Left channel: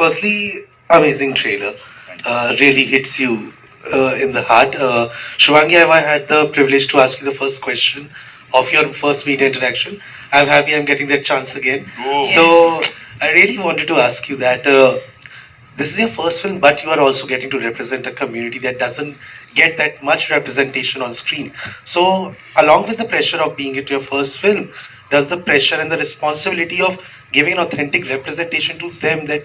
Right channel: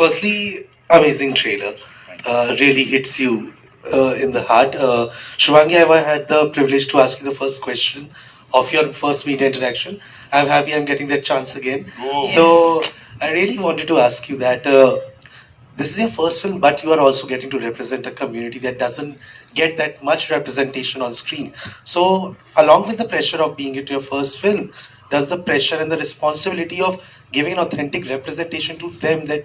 Firstly, amazing trailer. Really hits you in the heart. Shubhangi, I had the privilege to ask you the first question of your first media interaction. I'm happy I'm getting that chance again. Oh. So, I really wanted to ask you that this is your first film, but you are also getting to represent a community that doesn't get that much representation on screen. So, along with the pressure of being it your first film, does the pressure and the responsibility of giving an authentic representation to them that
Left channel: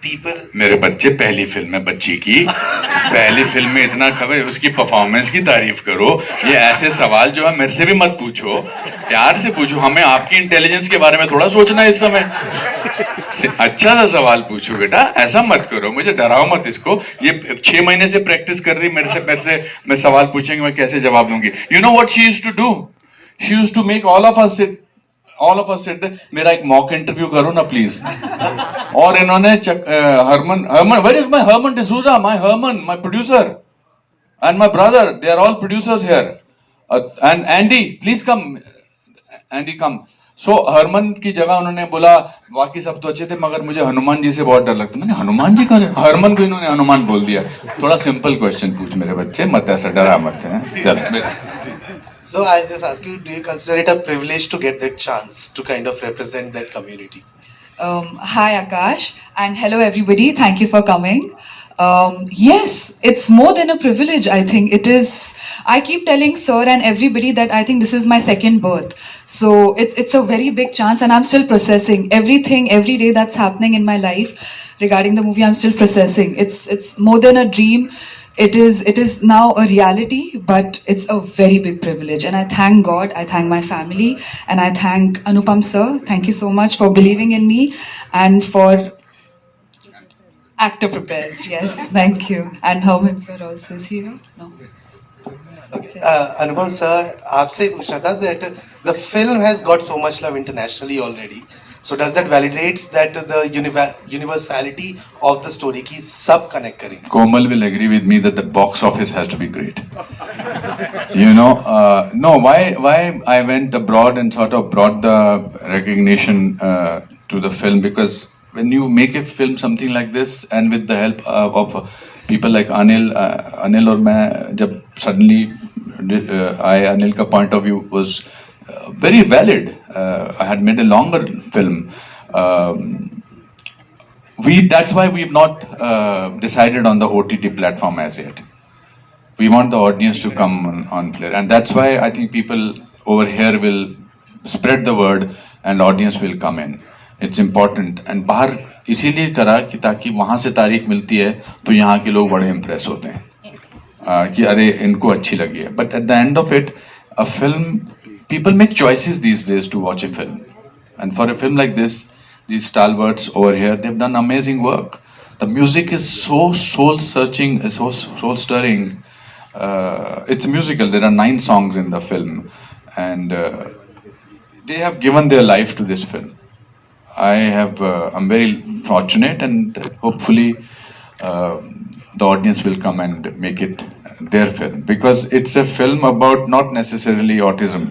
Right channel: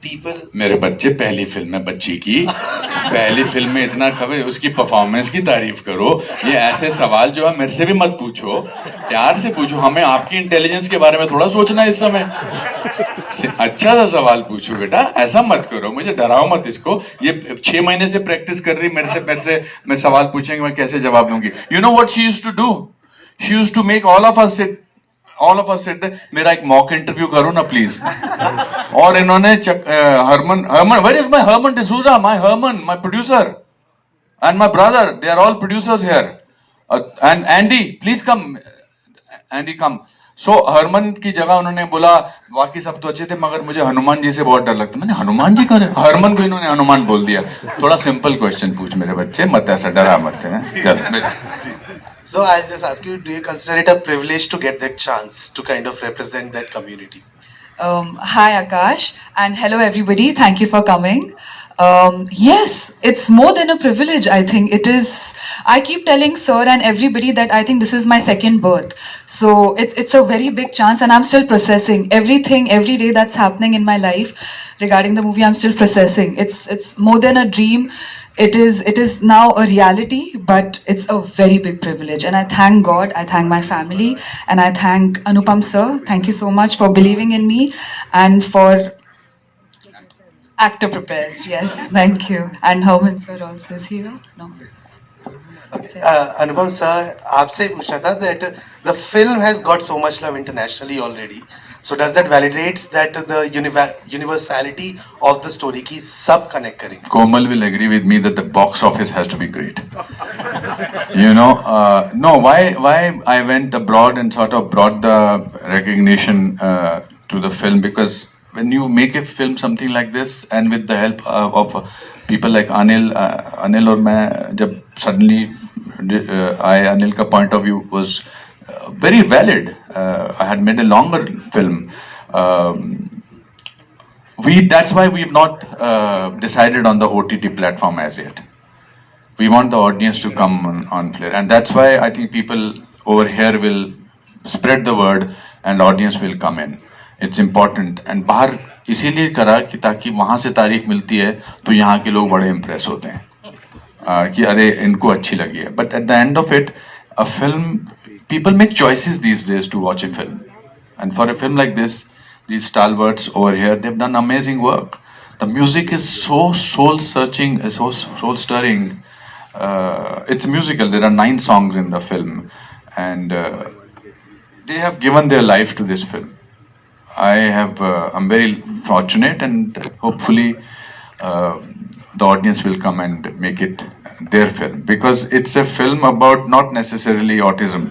people मेरे बच्चे पहली film है बच्ची की पहली film में इतना खबर उसकी परफॉर्मेंस की तारीफ करो ये ऐसे सवाल जो है मेरे से भी मत पूछो प्यार से पूछो हमें आपकी इंटेलिजेंस के बारे में थोड़ा सोचना है इस समय अच्छा सा सवाल पूछो बेटा ऐसा मत करो मुझे डराओ मत इसको ये 6 महीने से प्रैक्टिस कर रही मेरे से मैं सवाल पूछेंगे मैं कैसे जवाब दूंगी you know what she used to do she used to make all of us sit मेरा एक मॉक इंटरव्यू करो ना प्लीज और इन्होंने Harman where is my Harman D'Souza my producer and my brother they are all producers here and Andy please come Andy come so Harman की जगह उन्होंने बोला बाकी सब तो अच्छे थे मगर मुझे हनुमान जी से बहुत डर लगता मैंने हनुमान जी का हरमन को इन्होंने हनुमान बोल दिया थोड़ा सिंपल क्वेश्चन पूछ मेरे बच्चे मत ऐसा डरा मत है चलो So I'll just ask you, do you consider it a privilege to get that chance to kind of represent that community? Hi Akash and hello everybody. Thank you for coming. Yes, it's more than a privilege. I think it is. I keep telling Sir and everybody that I think this is my second birth. So it's a very big chance, and I'm still processing everything every day that's happening in my life regarding the movie. I'm still processing. It's more than a dream. It is now a reality, but it's a very big privilege, and I thank God, I thank my family, and I thank Anupam sir. Thank you so much for believing in me and for actor prepares. Yes, thank you. And Herman sir also is here. No. Anupam sir, आपसे पूछना था that the film has got so much love internationally already. So does that validates that the universality of the story की सब connect करेंगे? Komal will agree with me that the box office has to be great. You know, no, why I went abroad and sort of brought the recognition to the film because when you make a film something like this and with the help of people like Anil और मैं जब suddenly Anil का point of view was very valid. I had made a longer film. That's why we've not decided on the OTT platform as yet. We want the audience to come on Flair, and that's why I think people over here will spread the word, and audience will come in. It's important. And बाहर इसीलिए करा कि ताकि वहाँ से तारीफ मिलती है तो यहाँ के लोग बड़े impress होते हैं कि अरे इनको अच्छी लगी है. But at the end of it, a film. People make choices these days to watch a film. And for a film like this, these stalwarts over here, they've done amazing work. The music is so soul-searching, so soul-stirring. It's a musical. There are 9 songs in the film. And they have given their life to this film. I'm very fortunate and hopefully the audience will come and make it their film. Because it's a film about not necessarily autism.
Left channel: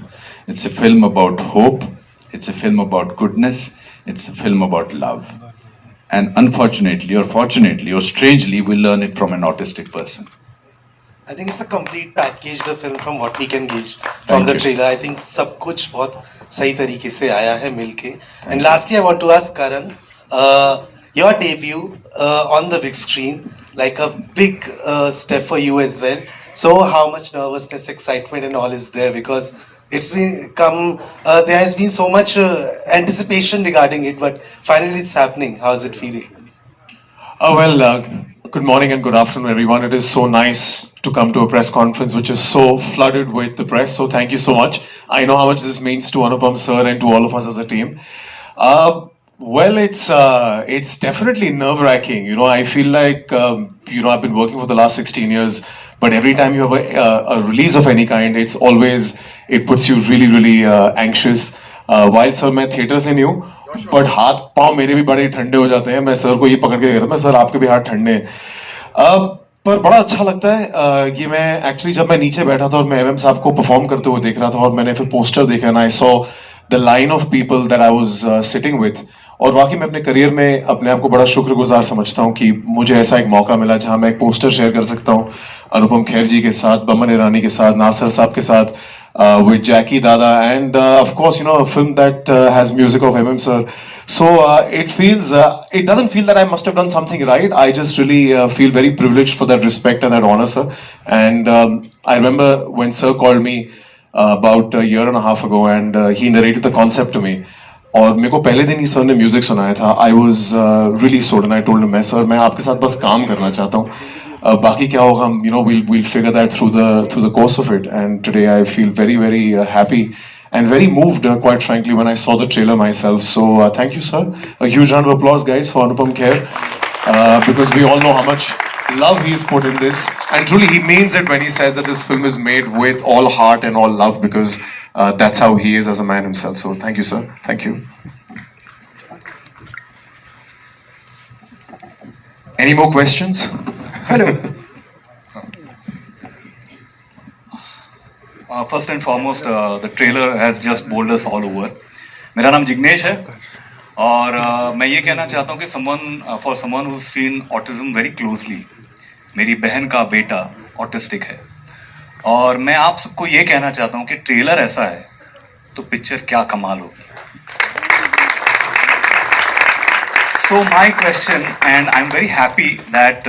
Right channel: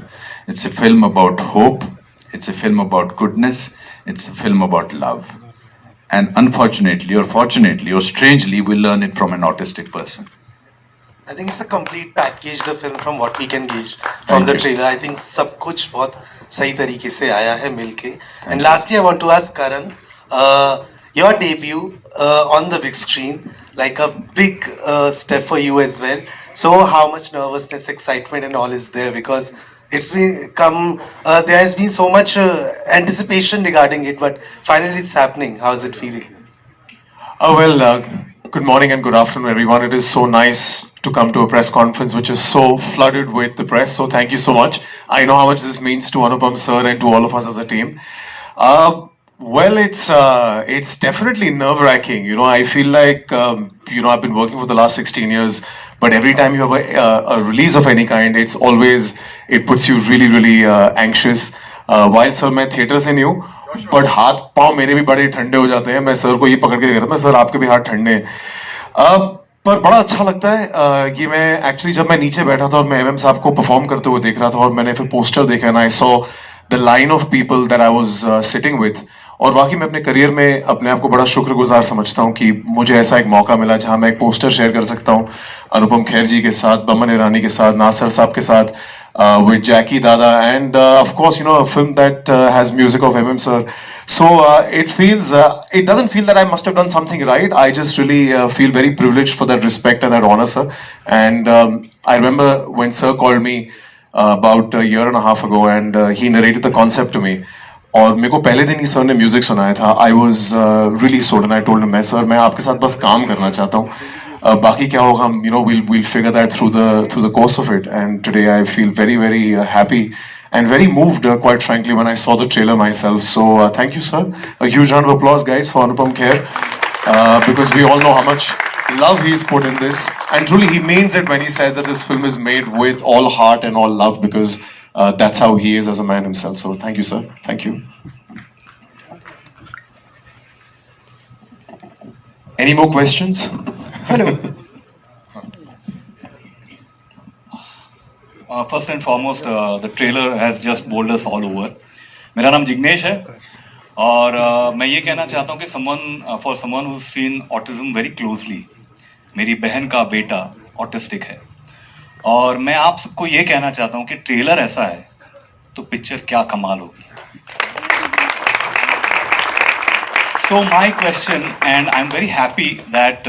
It's a film about hope, it's a film about goodness, it's a film about love. And unfortunately, or fortunately, or strangely, we learn it from an autistic person. I think it's a complete package, the film, from what we can gauge from the trailer. I think सब कुछ बहुत सही तरीके से आया है मिलके. And lastly, I want to ask Karan, your debut on the big screen, like a big step for you as well. So how much nervousness, excitement and all is there? Because it's there has been so much anticipation regarding it, but finally it's happening. How is it feeling? Good morning and good afternoon, everyone. It is so nice to come to a press conference which is so flooded with the press. So thank you so much. I know how much this means to Anupam sir and to all of us as a team. It's definitely nerve-wracking. You know, I feel like I've been working for the last 16 years, but every time you have a release of any kind, it puts you really, really anxious. While sir, मैं theatre से नहीं हूँ, but हाथ पाँव मेरे भी बड़े ठंडे हो जाते हैं. मैं सर को ये पकड़ के कहता हूँ, सर आपके भी हाथ ठंडे हैं. पर बड़ा अच्छा लगता है कि मैं एक्चुअली जब मैं नीचे बैठा था और मैं एमएम साहब को परफॉर्म करते हुए देख रहा था और मैंने फिर पोस्टर देखा ना, I saw the line of people that I was sitting with, और वाकई मैं अपने करियर में अपने आप को बड़ा शुक्रगुजार समझता हूँ कि मुझे ऐसा एक मौका मिला जहां मैं एक पोस्टर शेयर कर सकता हूँ अनुपम खेर जी के साथ, बमन ईरानी के साथ, नासिर साहब के साथ, with Jackie Dada, and of course, you know, a film that has music of MM sir. So it doesn't feel that I must have done something right. I just really feel very privileged for that respect and that honor, sir. And I remember when sir called me about a year and a half ago, and he narrated the concept to me. और मेरे को पहले दिन ही sir ने music सुनाया था. I was really sold and I told him, मैं आपके साथ बस काम करना चाहता हूँ. बाकी क्या होगा, हम we'll figure that through the course of it. And today I feel very very happy and very moved, quite frankly, when I saw the trailer myself. So thank you, sir. A huge round of applause, guys, for Anupam Kher, because we all know how much love he's put in this, and truly he means it when he says that this film is made with all heart and all love, because that's how he is as a man himself. So thank you, sir. Thank you. Any more questions? Hello. First and foremost, the trailer has just bowled us all over. मेरा नाम जिग्नेश है और मैं ये कहना चाहता हूँ कि for someone who's seen autism very closely, मेरी बहन का बेटा ऑटिस्टिक है और मैं आप सबको ये कहना चाहता हूँ कि ट्रेलर ऐसा है तो पिक्चर क्या कमाल होगी. So my question, and I'm very happy that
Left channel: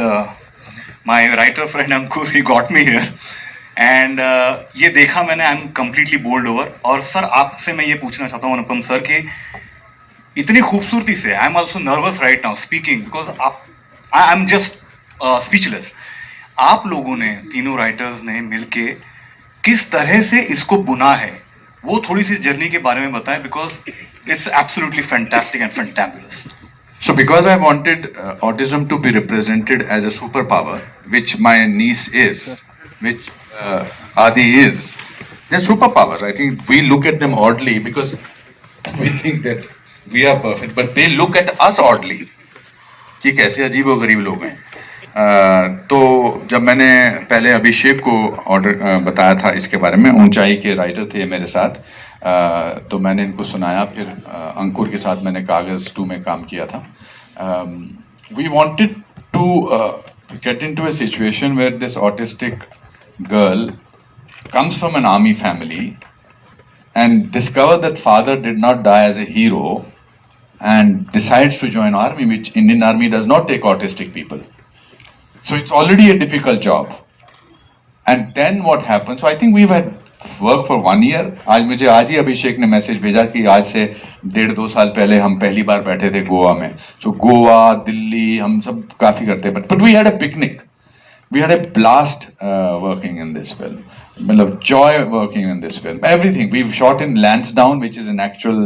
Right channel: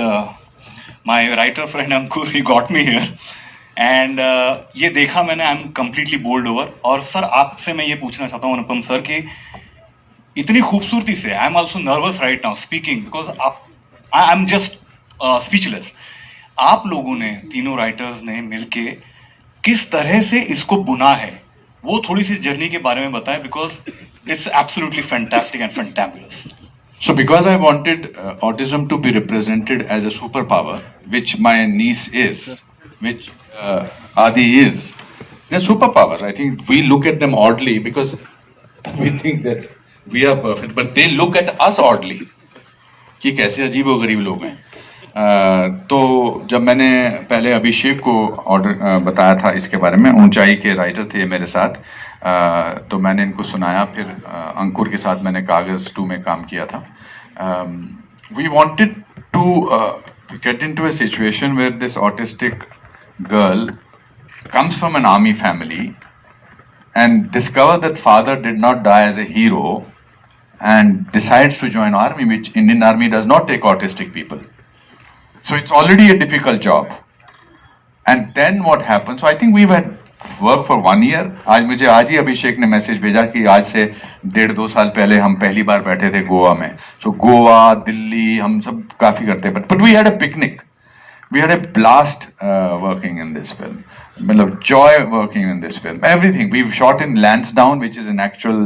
my writer friend Ankur, he got me here, and ये देखा मैंने, I'm completely bowled over. और सर आपसे मैं ये पूछना चाहता हूँ अनुपम सर कि इतनी खूबसूरती से, I'm also nervous right now speaking because I'm just speechless. आप लोगों ने, तीनों राइटर्स ने मिलके किस तरह से इसको बुना है, वो थोड़ी सी जर्नी के बारे में बताएं, because it's absolutely fantastic and fantabulous. So because I wanted autism to be represented as a superpower, which my niece is, which Adi is, they're superpowers. I think we look at them oddly because we think that we are perfect, but they look at us oddly. कि कैसे अजीबोगरीब लोग हैं. तो जब मैंने पहले अभिषेक को ऑर्डर बताया था इसके बारे में, ऊंचाई के राइटर थे मेरे साथ, तो मैंने इनको सुनाया, फिर अंकुर के साथ मैंने कागज 2 में काम किया था. We wanted to get into a situation where this autistic girl comes from an army family and discover that father did not die as a hero and decides to join army, which Indian army does not take autistic people. So it's already a difficult job. And then what happens? So I think we've had work for 1 year. आज ही अभिषेक ने message भेजा कि आज से 1.5-2 साल पहले हम पहली बार बैठे थे गोवा में. So गोवा, दिल्ली, हम सब काफी करते हैं. But we had a picnic. We had a blast working in this film. मतलब joy working in this film. Everything. We've shot in Lansdowne, which is an actual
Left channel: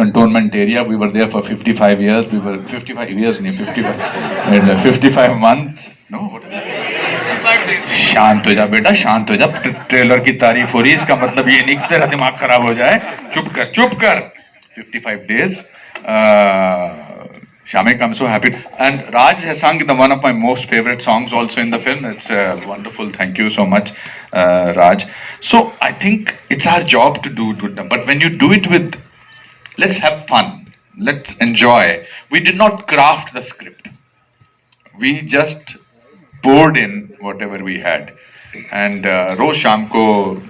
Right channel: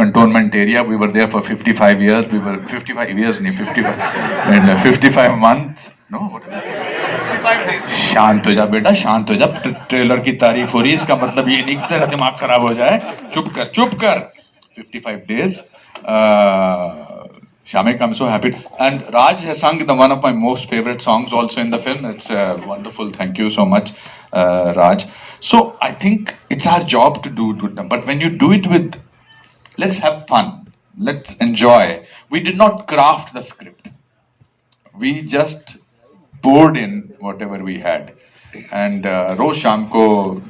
cantonment area. We were there for 55 years. We were 55 years, 55 months. No, what is it? शांत हो जा बेटा, शांत हो जा. Trailer की तारीफ हो रही है, इसका मतलब ये नहीं कि तेरा दिमाग खराब हो जाए. चुप कर. 55 days. Shamik, I'm so happy. And Raj has sung one of my most favorite songs also in the film. It's wonderful. Thank you so much, Raj. So I think it's our job to do it with them. But when you do it with, let's have fun. Let's enjoy. We did not craft the script. We just poured in whatever we had. And Rosh Shamko,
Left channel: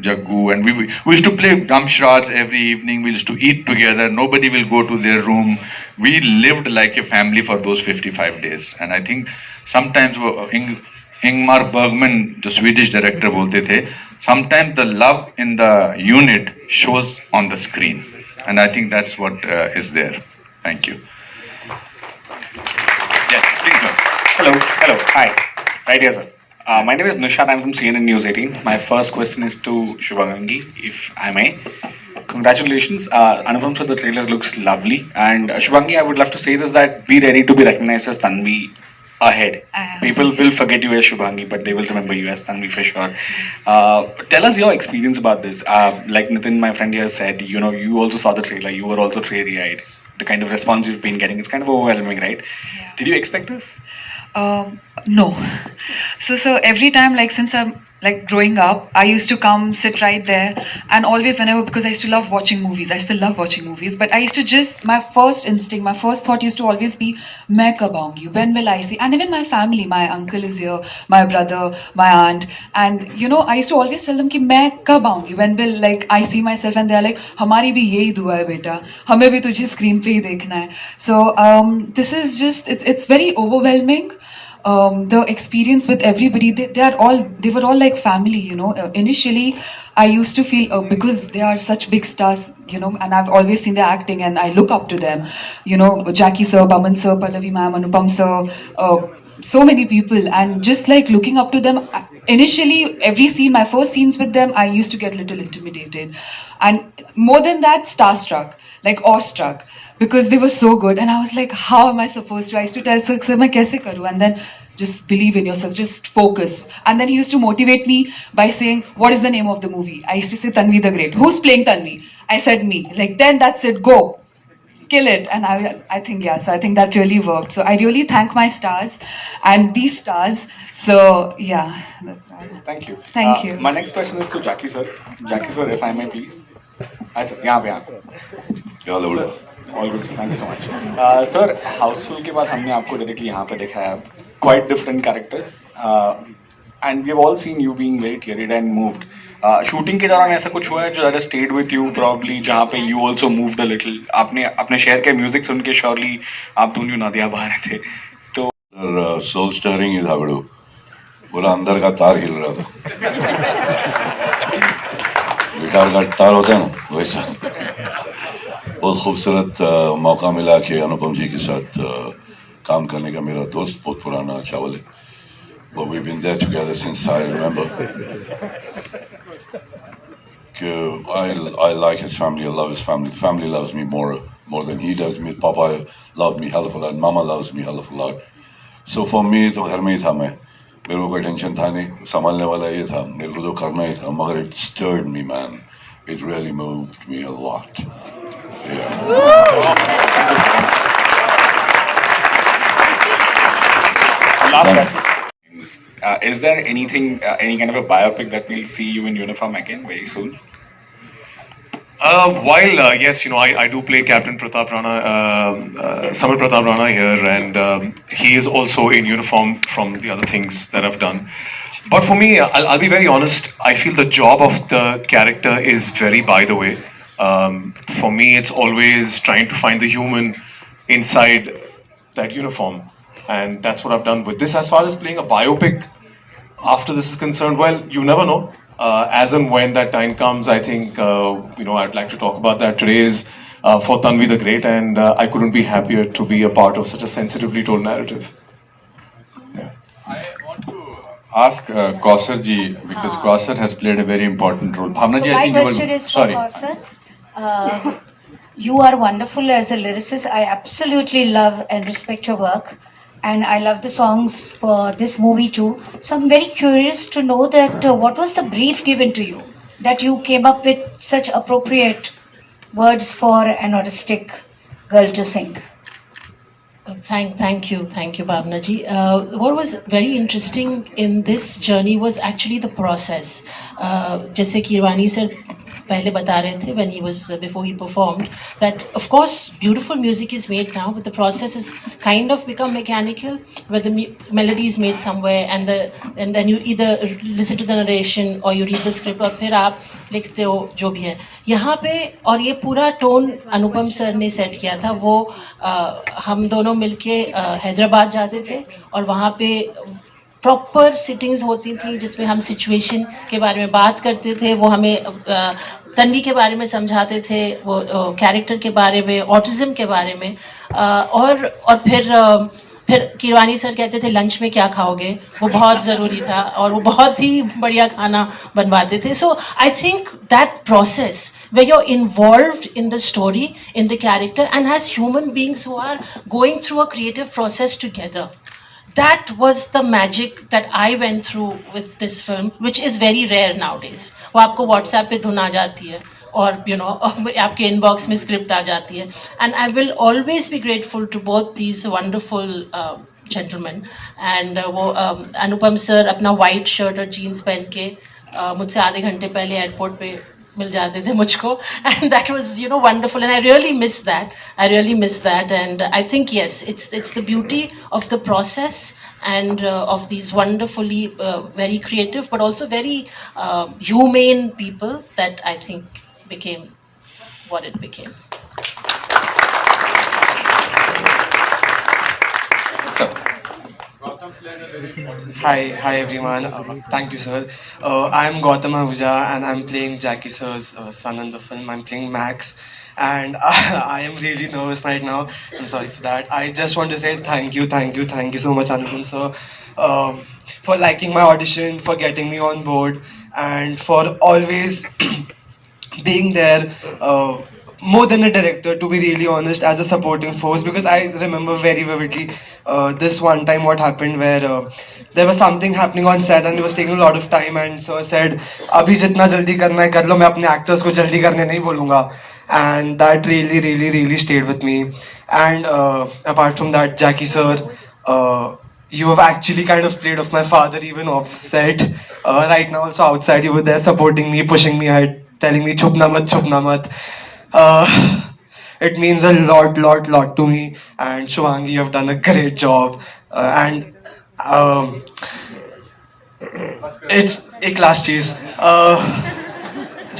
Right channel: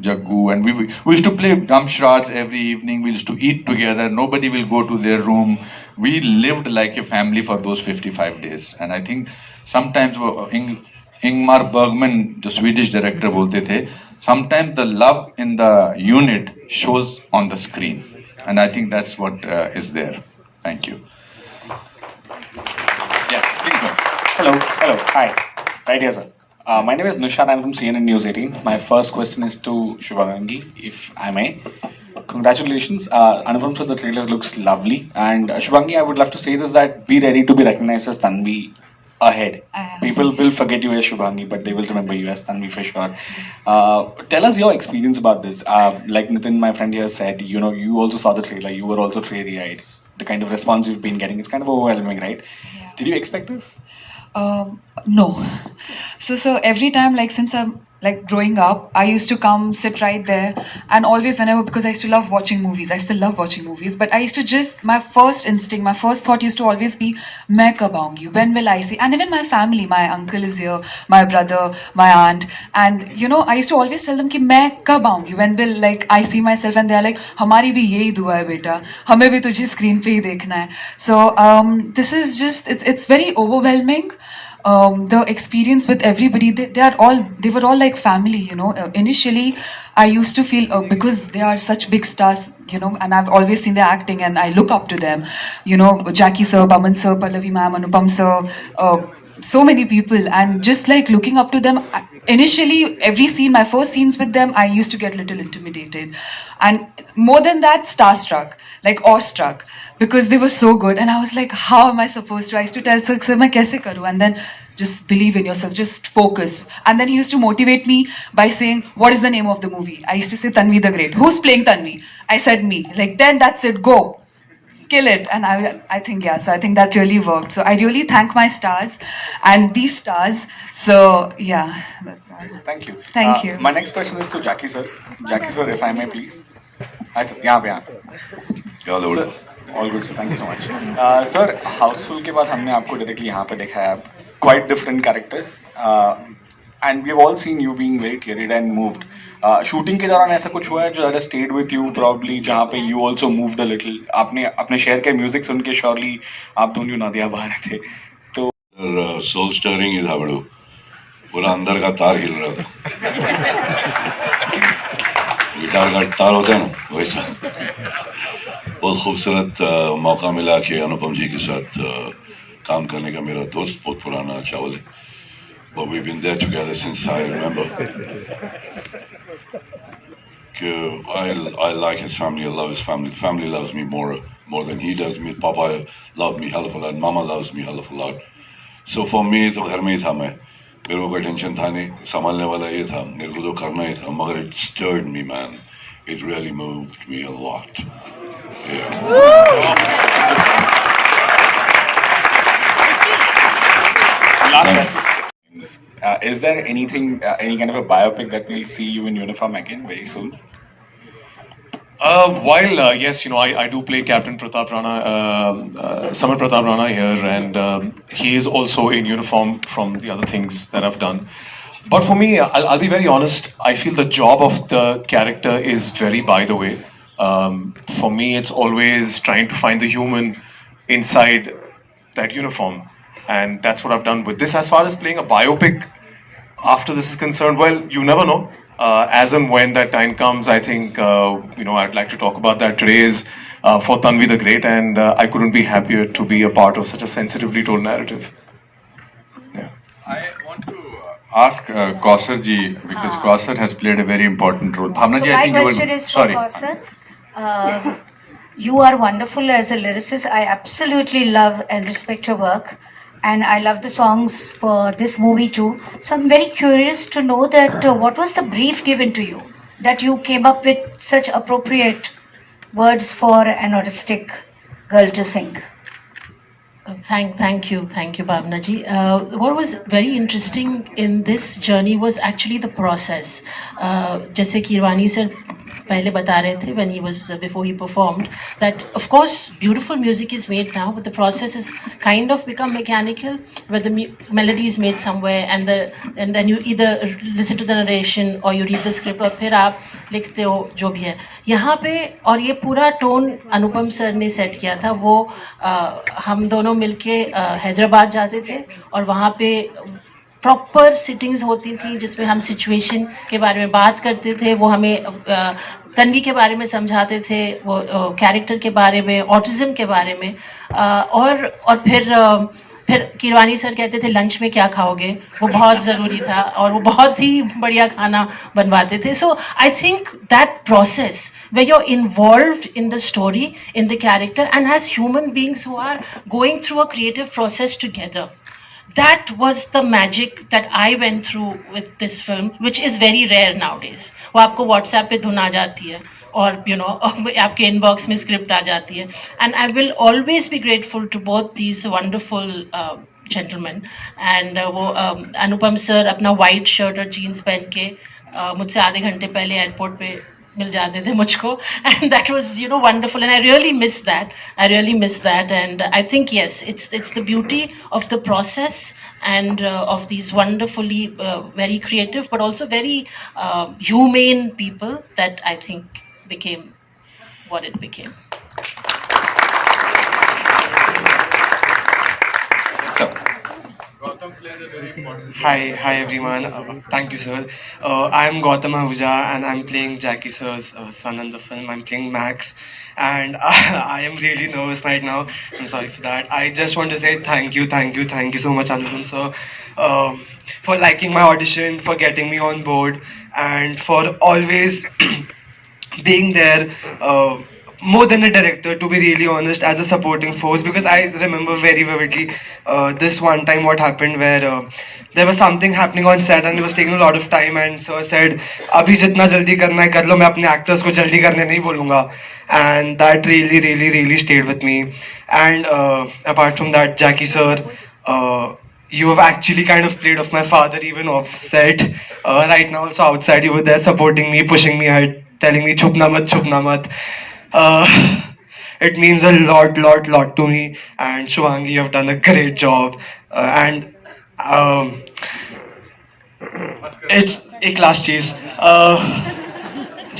Jaggu, and we used to play Damshraj every evening. We used to eat together. Nobody will go to their room. We lived like a family for those 55 days. And I think sometimes Ingmar Bergman, the Swedish director, bolte the, sometimes the love in the unit shows on the screen. And I think that's what is there. Thank you. Yes, please go. Hello, hi. Right here, sir. My name is Nishad. I'm from CNN News 18. My first question is to Shubhangi, if I may. Congratulations. Anupam sir, the trailer looks lovely. And Shubhangi, I would love to say this, that be ready to be recognized as Tanvi ahead. People will forget you as Shubhangi, but they will remember you as Tanvi for sure. Tell us your experience about this. Like Nitin, my friend here said, you know, you also saw the trailer. You were also teary-eyed. The kind of response you've been getting, it's kind of overwhelming, right? Yeah. Did you expect this? No. So every time, like, since like growing up, I used to come sit right there, and always whenever, because I used to love watching movies, I still love watching movies, but I used to just, my first instinct, my first thought used to always be, main kab aungi, when will I see? And even my family, my uncle is here, my brother, my aunt, and you know, I used to always tell them ki main kab aungi, when will like I see myself, and they are like, hamari bhi yahi dua hai beta, hame bhi tujhe screen pe hi dekhna hai. So this is just, it's very overwhelming. The experience with everybody, they were all like family, you know. Initially I used to feel, because they are such big stars, you know, and I've always seen their acting and I look up to them, you know, Jackie sir, Baman sir, Pallavi ma'am, Anupam sir, so many people, and just like looking up to them. Initially, every scene, my first scenes with them, I used to get a little intimidated, and more than that, starstruck, like awestruck, because they were so good. And I was like, how am I supposed to? I used to tell Sir, "Sir, मैं कैसे करूँ?" And then just believe in yourself, just focus. And then he used to motivate me by saying, "What is the name of the movie?" I used to say, "Tanvi the Great." Who's playing Tanvi? I said, "Me." Like, then that's it, go. Kill it. And I think, yeah, so I think that really worked. So I really thank my stars and these stars. So yeah, that's all. Thank you. Thank you. My next question is to Jackie sir. Jackie sir, if I may please. Hi sir, यहाँ पे यहाँ. Hello. Sir, all good sir, thank you so much. Sir, Housefull के बाद हमने आपको directly यहाँ पे देखा है. Quite different characters. And we have all seen you being very carried and moved. Shooting के दौरान ऐसा कुछ हुआ है जो ज़्यादा stayed with you probably, जहाँ पे you also moved a little. आपने अपने शहर के म्यूजिक सुन के surely आप दोनों नदियाँ बहा रहे थे. तो सोल स्टरिंग इज हावड़ू पूरा अंदर का तार हिल रहा था गिटार का तार होता है ना वैसा बहुत खूबसूरत मौका मिला कि अनुपम जी के साथ काम करने का मेरा दोस्त बहुत पुराना चावल है but we've been there together since I remember I like his family I love his family the family loves me more than he does me Papa loved me hell of a lot Mama loves me hell of a lot so for me तो घर में ही था मैं मेरे को कोई tension था नहीं संभालने वाला ये था मेरे को तो करना ही था मगर it stirred me man it really moved me a lot yeah last question. Is there anything, any kind of a biopic that we'll see you in uniform again very soon? While yes, you know, I do play Captain Pratap Rana, Samar Pratap Rana here, and he is also in uniform from the other things that I've done. But for me, I'll be very honest. I feel the job of the character is very by the way. For me, it's always trying to find the human inside that uniform, and that's what I've done with this. As far as playing a biopic, after this is concerned, well, you never know. As and when that time comes, I think you know I'd like to talk about that. Today is for Tanvi the Great, and I couldn't be happier to be a part of such a sensitively told narrative. Yeah. I want to ask Kausar ji because Kausar has played a very important role. Bhavna ji, So I my think you question were is for sorry. Kausar. You are wonderful as a lyricist. I absolutely love and respect your work. And I love the songs for this movie too. So I'm very curious to know that what was the brief given to you that you came up with such appropriate words for an autistic girl to sing? Thank you, Bhavna ji. What was very interesting in this journey was actually the process. जैसे कि Irwani sir पहले बता रहे थे when he was before he performed that of course beautiful music is made now but the process is kind of become mechanical where the melody is made somewhere and then you either listen to the narration or you read the script और फिर आप लिखते हो जो भी है यहाँ पे और ये पूरा टोन अनुपम सर ने सेट किया था वो हम दोनों मिलके हैदराबाद जाते थे और वहाँ पे प्रॉपर सिटिंग्स होती थी जिसमें हम सिचुएशन के बारे में बात करते थे वो हमें तन्वी के बारे में समझाते थे वो कैरेक्टर के बारे में ऑटिज्म के बारे में और फिर किरवानी सर कहते थे लंच में क्या खाओगे वो बहुत ज़रूरी था और वो बहुत ही बढ़िया खाना बनवाते थे so I think that process where you're involved in the story in the character and as human beings who are going through a creative process together that was the magic that I went through with this film, which is very rare nowadays. वो आपको WhatsApp पे धुन आ जाती है और you know आपके inbox में script आ जाती है and I will always be grateful to both these wonderful gentleman. And वो अनुपम सर अपना white shirt और jeans पहन के मुझसे आधे घंटे पहले एयरपोर्ट पे मिल जाते थे मुझको, and that was, you know, wonderful, and I really miss that. And I think, yes, it's the beauty of the process and of these wonderfully very creative but also very humane people that I think became what it became. Hi everyone. Thank you, sir. I'm Gautam Ahuja and I'm playing Jackie sir's son in the film. I'm playing Max, and I am really nervous right now. I'm sorry for that. I just want to say thank you so much, Anupam sir, for liking my audition, for getting me on board, and for always being there. More than a director, to be really honest, as a supporting force, because I remember very vividly this one time what happened where there was something happening on set and it was taking a lot of time, and sir said abhi jitna jaldi karna hai kar lo, main apne actors ko jaldi karne nahi bolunga, and that really stayed with me. And apart from that, Jackie sir, you have actually kind of played off my father even off set. Right now also outside you were there supporting me, pushing me ahead, telling me chupna mat. It means a lot to me, and Shubhangi, you have done a great job, and it's a class cheese.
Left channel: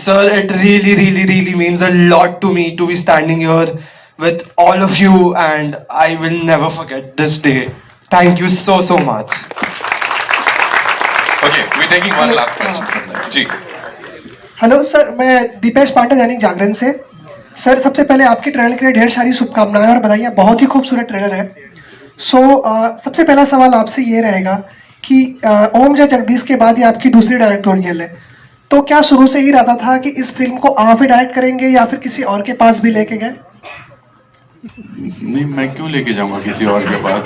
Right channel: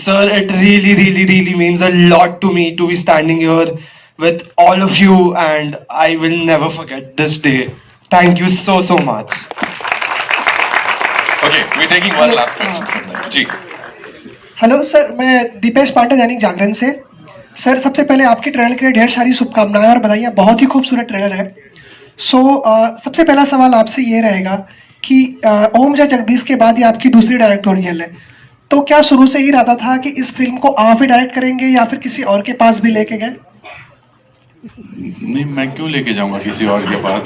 Sir, it really means a lot to me to be standing here with all of you, and I will never forget this day. Thank you so much. Okay, we're taking one last question from them. जी. Hello sir, मैं दीपेश पांडे, दैनिक जागरण से। Sir, सबसे पहले आपके trailer के लिए ढेर सारी शुभकामनाएं और बधाइयाँ, बहुत ही खूबसूरत ट्रेलर है। सबसे पहला सवाल आपसे ये रहेगा कि ओम जय जगदीश के बाद ये आपकी दूसरी डायरेक्टोरियल है, तो क्या शुरू से ही इरादा था कि इस फिल्म को आप ही डायरेक्ट करेंगे या फिर किसी और के पास भी लेके गए? नहीं, मैं क्यों लेके जाऊंगा किसी और के पास,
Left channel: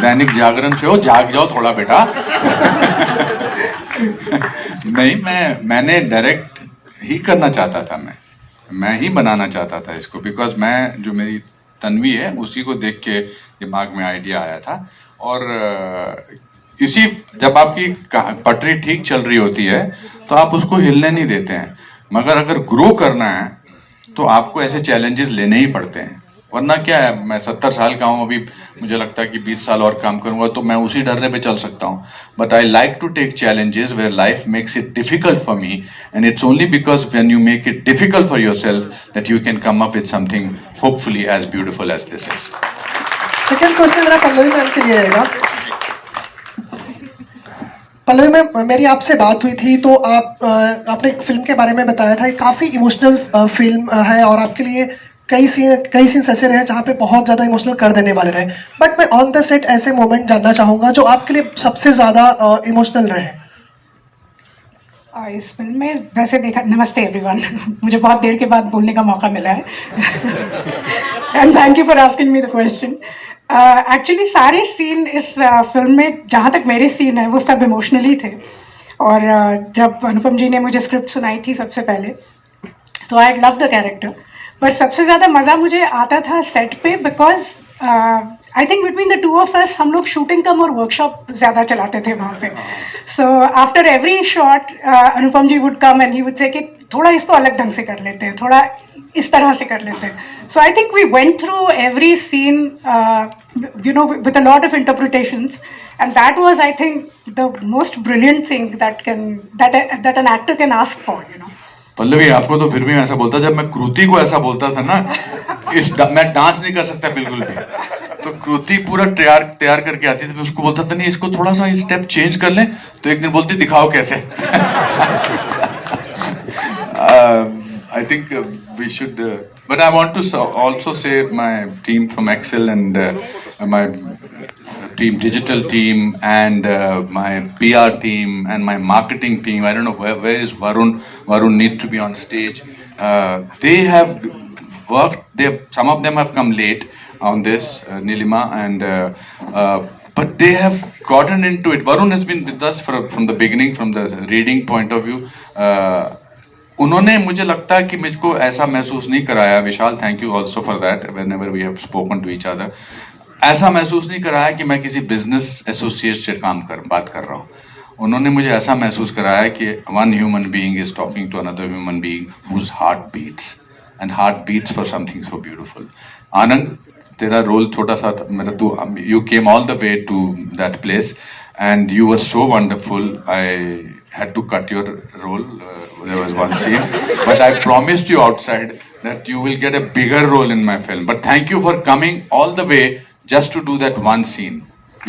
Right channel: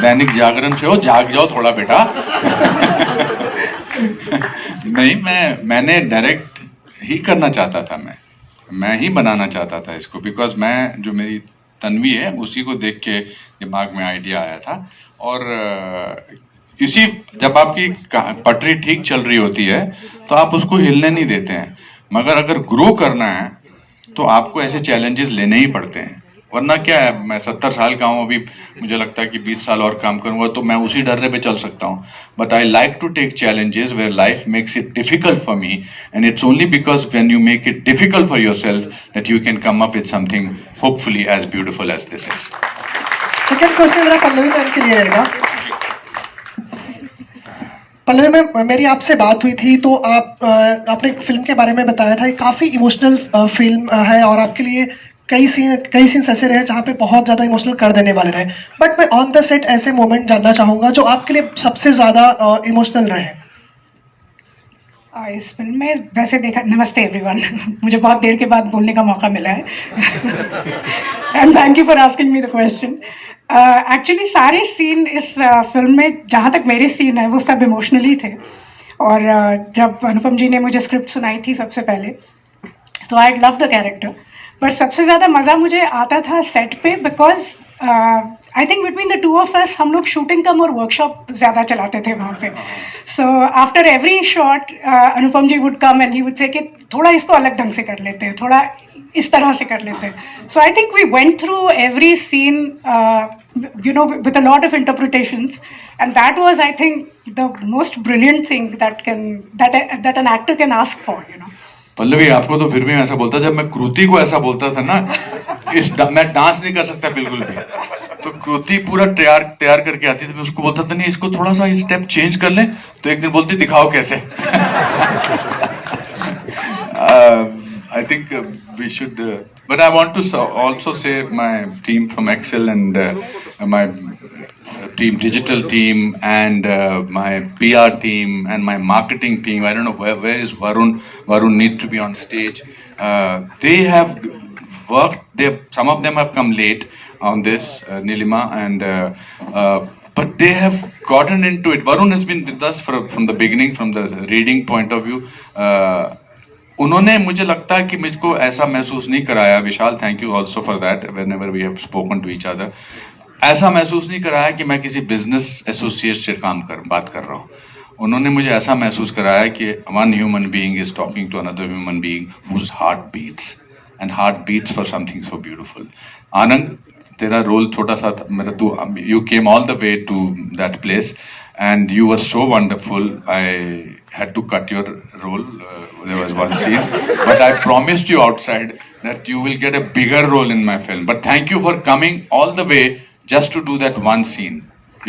दैनिक जागरण से हो, जाग जाओ थोड़ा बेटा। नहीं, मैंने डायरेक्ट ही करना चाहता था, मैं ही बनाना चाहता था इसको, बिकॉज मैं, जो मेरी तन्वी है उसी को देख के दिमाग में आइडिया आया था। और इसी, जब आपकी पटरी ठीक चल रही होती है तो आप उसको हिलने नहीं देते हैं, मगर अगर ग्रो करना है तो आपको ऐसे चैलेंजेस लेने ही पड़ते हैं, वरना क्या है, मैं 70 साल का हूँ अभी, मुझे लगता है कि 20 साल और काम करूंगा तो मैं उसी डर्रे पे चल सकता हूँ। But I like to take challenges where life makes it difficult for me, and it's only because when you make it difficult for yourself that you can come up with something hopefully as beautiful as this is. Second question मेरा Pallavi ma'am के लिए रहेगा। Pallavi ma'am, मेरी आपसे बात हुई थी तो आपने एक फिल्म के बारे में बताया था, काफ़ी इमोशनल फिल्म है और आपके लिए कई सीन्स ऐसे रहे जहाँ पे बहुत ज़्यादा इमोशनल कर देने वाले रहे, बट मैं ऑन द सेट ऐसे मोमेंट जानना चाहूँगा जो आपके लिए सबसे ज़्यादा इमोशनल रहे। इस फिल्म में वैसे देखा, नमस्ते एवरीवन, मुझे बहुत देर के बाद बोलने का मौका मिला है, and thank you for asking me the question. Actually सारे सीन इस फिल्म में, जहाँ तक मेरे सीन है, वो सब इमोशनली थे। और जब अनुपम जी ने मुझे स्क्रिप्ट सुनाई थी सबसे पहले, तो I love the character, but सबसे ज़्यादा मज़ा मुझे आता था सेट पे, because I think between the two of us हम लोग शूटिंग कम और वर्कशॉप ज़्यादा चलाते थे वहाँ पे। So after every shot Anupam ji would come and he would say कि थोड़ा इसको अलग ढंग से कर लेते हैं, थोड़ा इस तरह से कर लेते हैं। So I think we went through every scene you know with a lot of interpretations, and that was I think the most brilliant thing that an actor can ask for, you know. Pallavi, आपको तो फिर भी ऐसा बोलता, जब मैं कृति को ऐसा बोलता था ना, मैं डांस नहीं कर सकता बिल्कुल भी, तो कृति पूरा तैयार करके आती थी, मैं उसको बोलता था नहीं, इसको थोड़ा सा स्टेप चेंज कर लें, तो एक दिन बोलती दिखाओ कैसे। I think we should, but I want to also say my team from Excel and my team, digital team, and my PR team and my marketing team. I don't know where is Varun. Varun need to be on stage. They have worked. Some of them have come late on this, Nilima, and but they have gotten into it. Varun has been with us from the beginning, from the reading point of view. उन्होंने, मुझे लगता है कि मुझको ऐसा महसूस नहीं कराया। Vishal, thank you also for that, whenever we have spoken to each other. ऐसा महसूस नहीं कराया कि मैं किसी बिजनेस एसोसिएट से बात कर रहा हूँ. उन्होंने मुझे ऐसा महसूस कराया कि one human being is talking to another human being whose heart beats and heart beats for something so beautiful. Anand, तेरा रोल छोटा सा था मेरा, तू you came all the way to that place and you were so wonderful. I had to cut your role. There was one scene, but I promised you outside that you will get a bigger role in my film. But thank you for coming all the way just to do that one scene.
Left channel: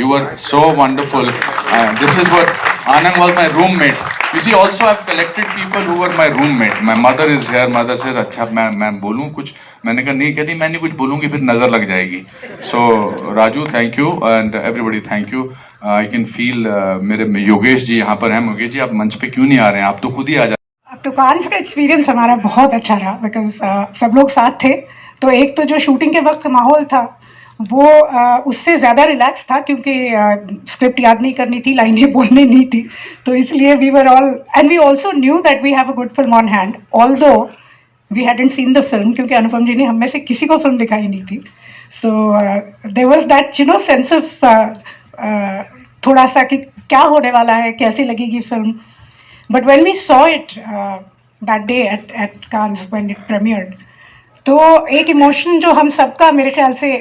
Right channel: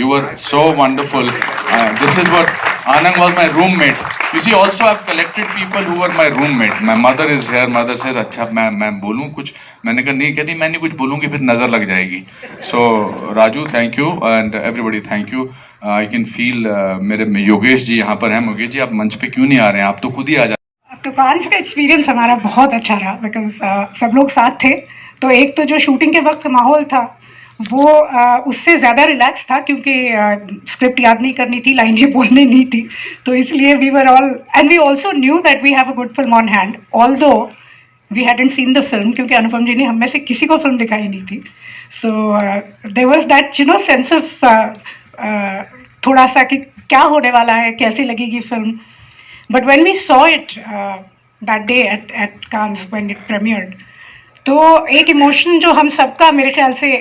You were so wonderful. This is what Anand was my roommate. You see, also I've collected people who were my roommate. My mother is here. Mother says, अच्छा मैं बोलूँ कुछ? मैंने कहा नहीं, कहती मैं नहीं कुछ बोलूँगी फिर नजर लग जाएगी. So Raju, thank you, and everybody thank you. I can feel मेरे योगेश जी यहाँ पर हैं. योगेश जी आप मंच पे क्यों नहीं आ रहे हैं? आप तो खुद ही आ जाते. तो कांस का एक्सपीरियंस हमारा बहुत अच्छा रहा बिकॉज सब लोग साथ थे. तो एक तो जो शूटिंग के वक्त माहौल था वो उससे ज़्यादा रिलैक्स था क्योंकि स्क्रिप्ट याद नहीं करनी थी, लाइनें बोलनी नहीं थी. तो इसलिए we were all and we also knew that we have a good film on hand although we hadn't seen the film क्योंकि अनुपम जी ने हम में से किसी को फिल्म दिखाई नहीं थी. So there was that sense of थोड़ा सा कि क्या होने वाला है, कैसी लगेगी film. But when we saw it that day at Cannes when it premiered, तो एक इमोशन जो हम सबका मेरे ख्याल से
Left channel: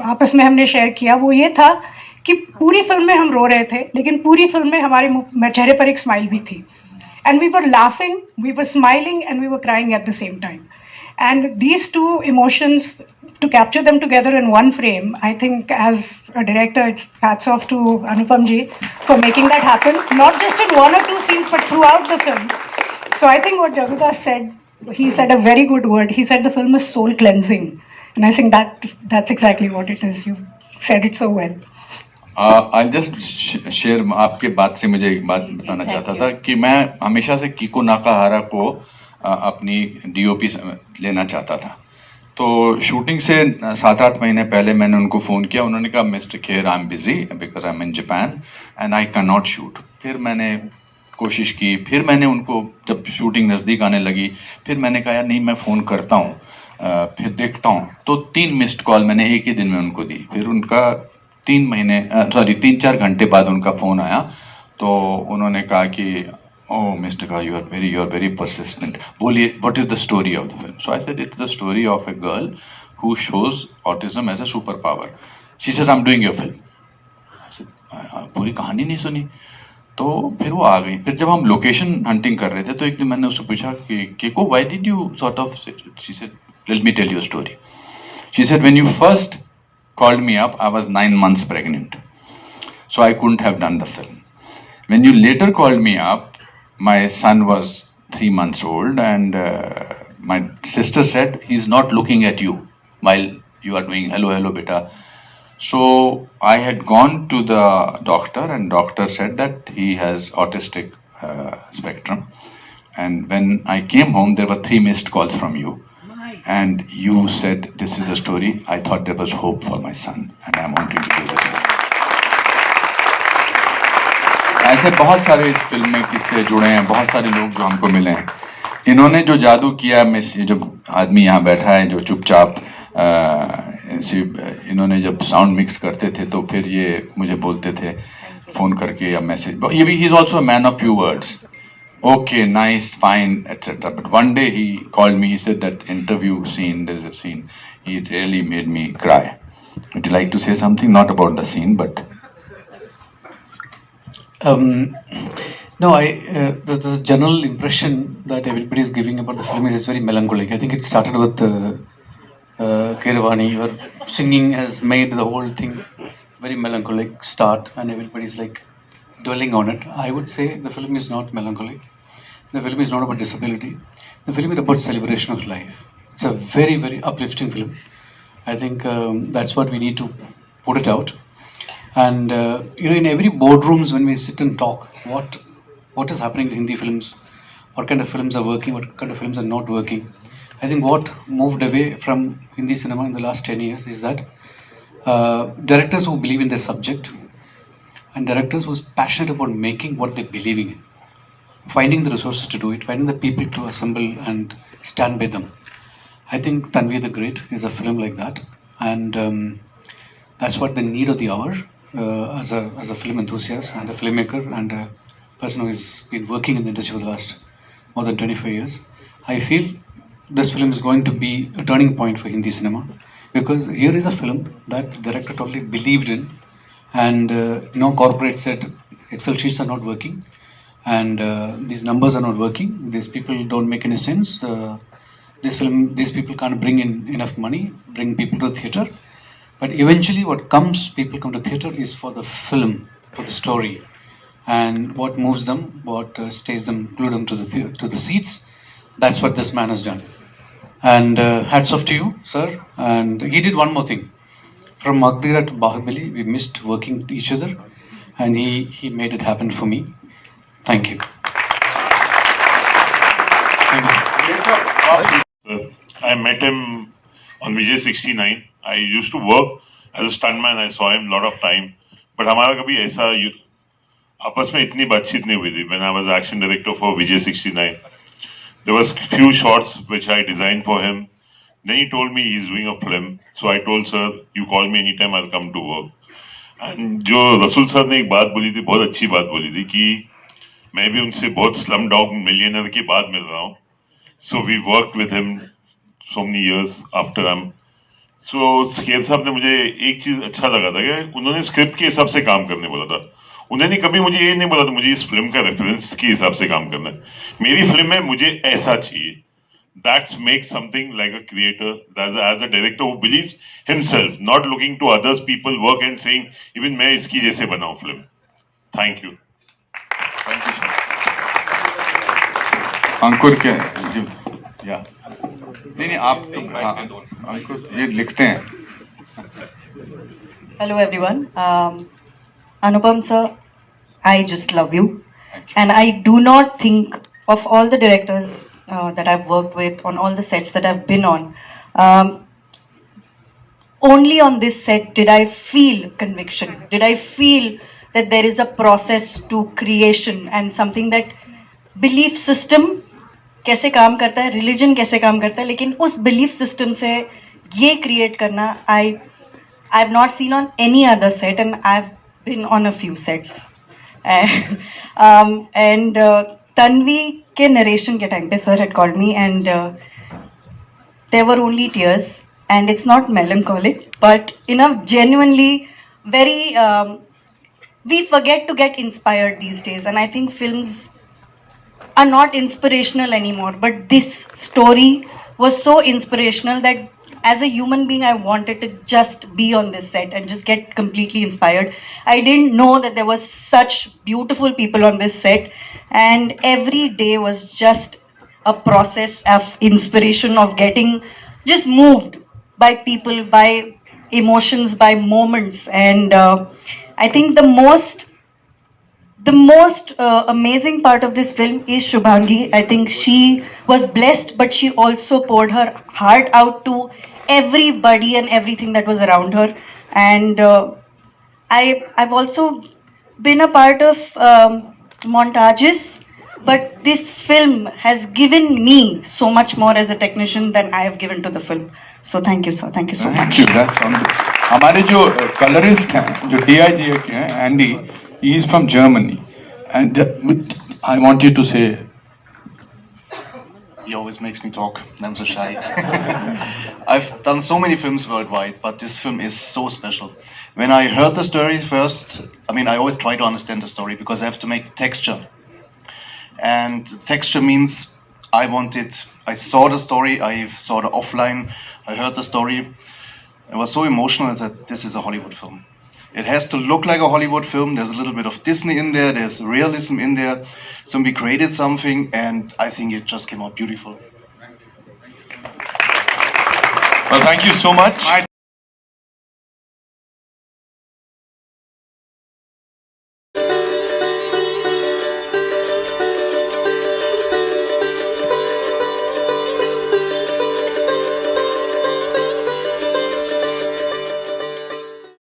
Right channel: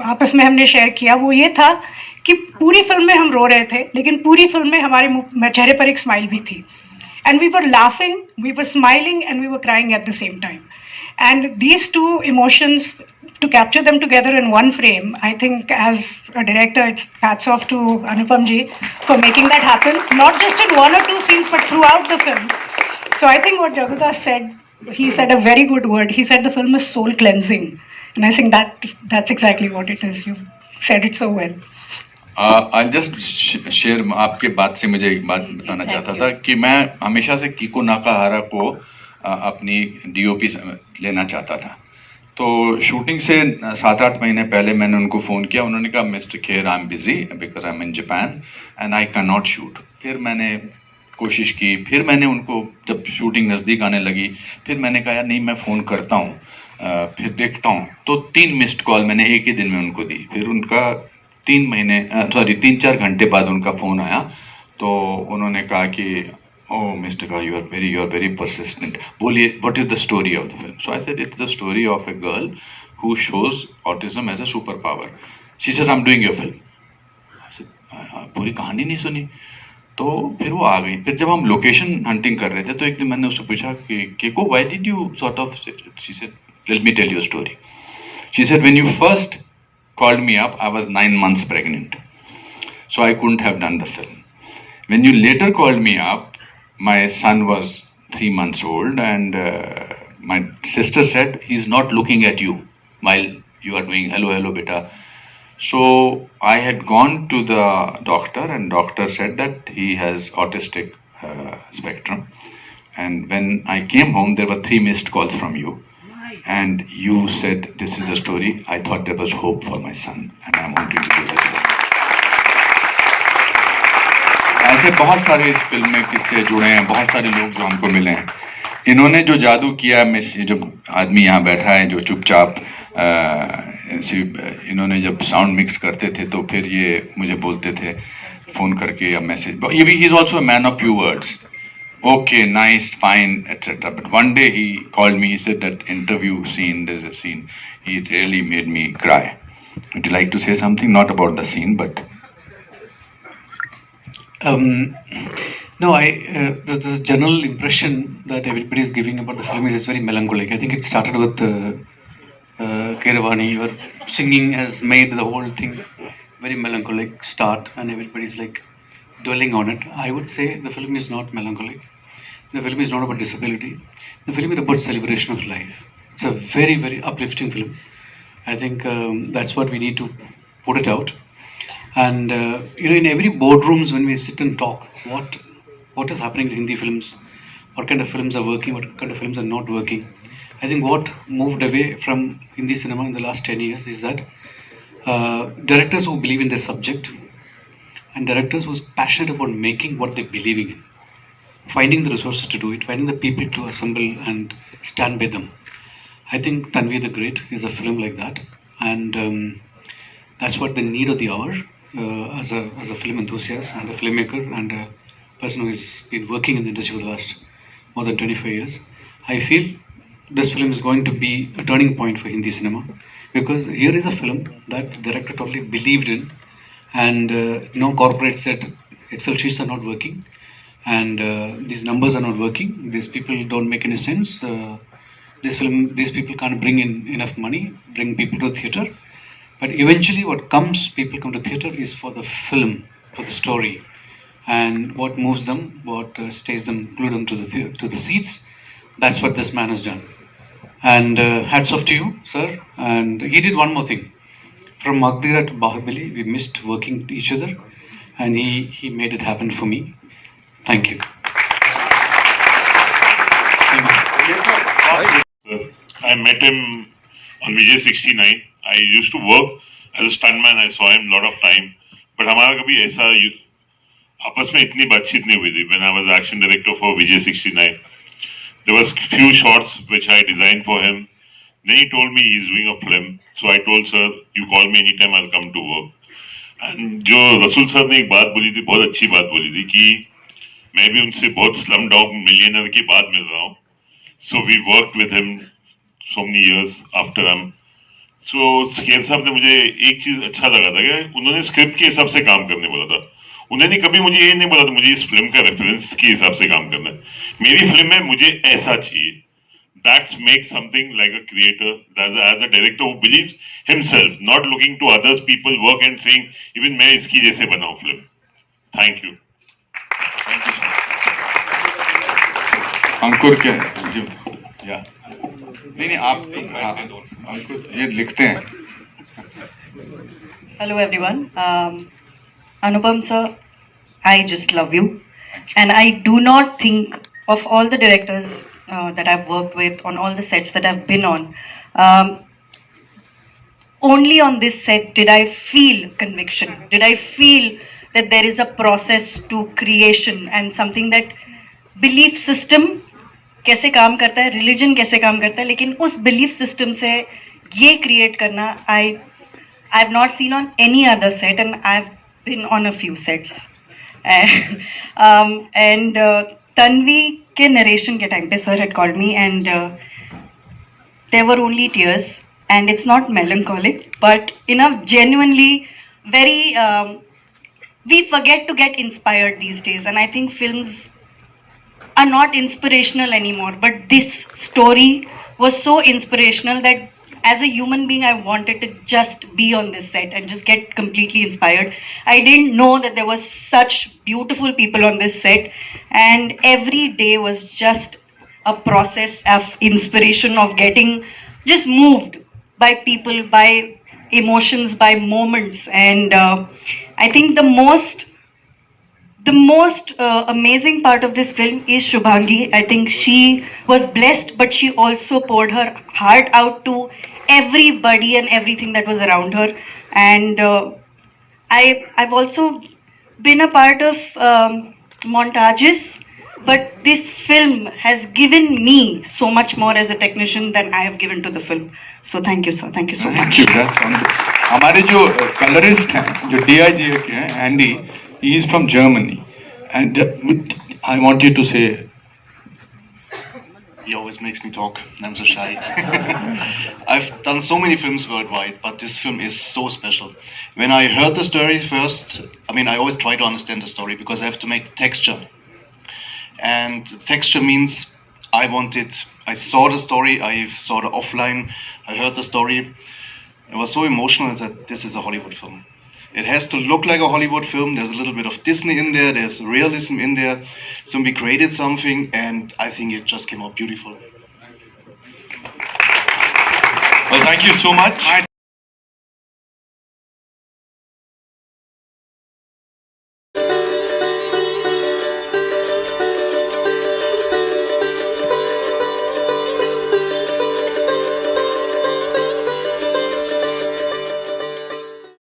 आपस में हमने शेयर किया वो ये था कि पूरी फिल्म में हम रो रहे थे लेकिन पूरी फिल्म में हमारे चेहरे पर एक स्माइल भी थी. And we were laughing, we were smiling and we were crying at the same time. And these two emotions, to capture them together in one frame, I think as a director, it's hats off to Anupam ji for making that happen, not just in one or two scenes, but throughout the film. So I think what Jagudas said, he said a very good word. He said the film is soul cleansing. And I think that's exactly what it is. You said it so well. I'll just share, आपके बात से मुझे एक बात बताना चाहता था कि मैं हमेशा से कीको नाकाहारा को अपनी DOP लेना चाहता था. तो शूटिंग से 7-8 महीने पहले मैंने उनको फ़ोन किया. उन्होंने कहा mister Kher I am busy because I am in Japan and I can not shoot. फिर मैंने कोशिश की, फिर मैंने उनको जब शूटिंग नज़दीक आने लगी फिर मैंने कहा यार नहीं मैं फ़ोन करता हूँ, फिर देखता हूँ. तो 3 मिस्ड कॉल मैंने एक ही दिन में उनको दी. फिर उनका 3-4 घंटे बाद उनका फ़ोन आया. तो उन्होंने कहा कि oh Mr. Ka, you are very persistent. बोलिए, what is the story of the film? So I said it's the story of a girl who shows autism as a superpower. She said I'm doing your film. I said पूरी कहानी नहीं सुनी. तो फिर वो आ गई. फिर जब हम लोकेशन हंटिंग कर रहे थे तो एक दिन मैंने उससे पूछा कि केको why did you sort of, she said let me tell you a story. She said when you first called me up I was 9 months pregnant, so I couldn't have done the film. When you later called me up, my son was 3 months old and my sister said he's not looking at you while you are doing hello beta. So I had gone to the doctor and doctor said that he has autistic spectrum. And when I came home there were 3 missed calls from you. And you said this is a story. I thought there was hope for my son and I wanted to do this. ऐसे बहुत सारे इस film में किस्से जुड़े हैं, बहुत सारे लोग जो हमको मिले हैं. इन्होंने जो जादू किया, मैं जो आदमी यहाँ बैठा है जो चुपचाप, इन्होंने जब साउंड मिक्स करते थे तो फिर ये मुझे बोलते थे फ़ोन करके या मैसेज. ये भी he is also a man of few words. Okay, nice, fine, etc. But one day he called me, he said that interview scene, there's a scene, it really made me cry. Would you like to say something? Not about the scene, but... No, the general impression that everybody is giving about the film is very melancholic. I think it started with Keeravani. Your singing has made the whole thing very melancholic start, and everybody's like dwelling on it. I would say the film is not melancholic. The film is not about disability. The film is about celebration of life. It's a very, very uplifting film. I think that's what we need to put it out. And in every boardrooms when we sit and talk, what is happening in Hindi films, what kind of films are working, what kind of films are not working. I think what moved away from Hindi cinema in the last 10 years is that directors who believe in their subject and directors who are passionate about making what they're believing in, finding the resources to do it, finding the people to assemble and stand by them. I think Tanvi the Great is a film like that. And That's what the need of the hour as a film enthusiast and a filmmaker and a person who has been working in the industry for the last more than 25 years. I feel this film is going to be a turning point for Hindi cinema, because here is a film that the director totally believed in, and no corporate said Excel sheets are not working, and these numbers are not working. These people don't make any sense. These people can't bring in enough money, bring people to the theater. But eventually, people come to theater is for the film, for the story, and what moves them, what stays them, glue them to the seats. That's what this man has done. And hats off to you, sir. And he did one more thing. From Magdira to Bahubali, we missed working each other, and he made it happen for me. Thank you. I met him on Vijay 69. I used to work as a stuntman. I saw him a lot of time. But हमारा कभी ऐसा आपस में इतनी बातचीत नहीं हुई थी. When I was action director for Vijay 69, there was few shots which I designed for him. Then he told me he's doing a film. So I told sir, you call me anytime, I'll come to work. And जो रसूल sir ने एक बात बोली थी, बहुत अच्छी बात बोली थी कि मैं भी उनसे बहुत Slumdog Millionaire के बाद मिल रहा हूँ. So we worked with him so many years after him. So Kher साहब ने मुझे एक चीज अच्छा लगा था कि उन्होंने स्क्रिप्ट के हिसाब से काम करने बोला था. उन्होंने कभी मुझे ये नहीं बोला था मुझे इस फिल्म का रेफरेंस के हिसाब से काम करना है. मेरी फिल्म में मुझे ऐसा चाहिए. That makes something like a creator, as a director who believes himself, not looking to others people work and saying even मैं इसकी जैसे बनाऊं film. Thank you. Thank you, sir. अंकुर क्या या नहीं आप अंकुर ये लिखते हैं. Hello everyone. Anupam sir, I just love you, and I do not think of all the directors that I've worked with on all the sets that I've been on. Only on this set did I feel conviction. Did I feel that there is a process to creation and something that belief system कैसे काम करता है, religion कैसे काम करता है, लेकिन उस belief system से ये create करना I've not seen on any other set, and I've been on a few sets. And Tanvi के narration के time पे sir had called me, and there were only tears, and it's not melancholic, but in a genuinely very we forget to get inspired these days, and I think films are not inspirational anymore, but this story was so inspirational that as a human being I wanted to just be on this set and just get completely inspired. I didn't know that there was such beautiful people on this set, and every day was just a process of inspiration, of getting just moved by people, by emotions, by moments. And I think the most amazing part of this film is Shubhangi. I think she was blessed, but she also poured her heart out to everybody and everything that was around her. And I've also been a part of montages, but this film has given me so much more as a technician than I have given to the film. So thank you, sir. Thank you so much. हमारे जो colourist हैं, जो DIG के हैं, Andy, he is from Germany, and I want you to say. He always makes me talk. I'm so shy. I've done so many films worldwide, but this film is so special. When I heard the story first, I always try to understand the story because I have to make the texture. And texture means I saw the story, I saw the offline, I heard the story. It was so emotional that this is a Hollywood film. It has to look like a Hollywood film. There's a little bit of Disney in there. There's realism in there. So we created something, and I think it just came out beautiful. Well, thank you so much.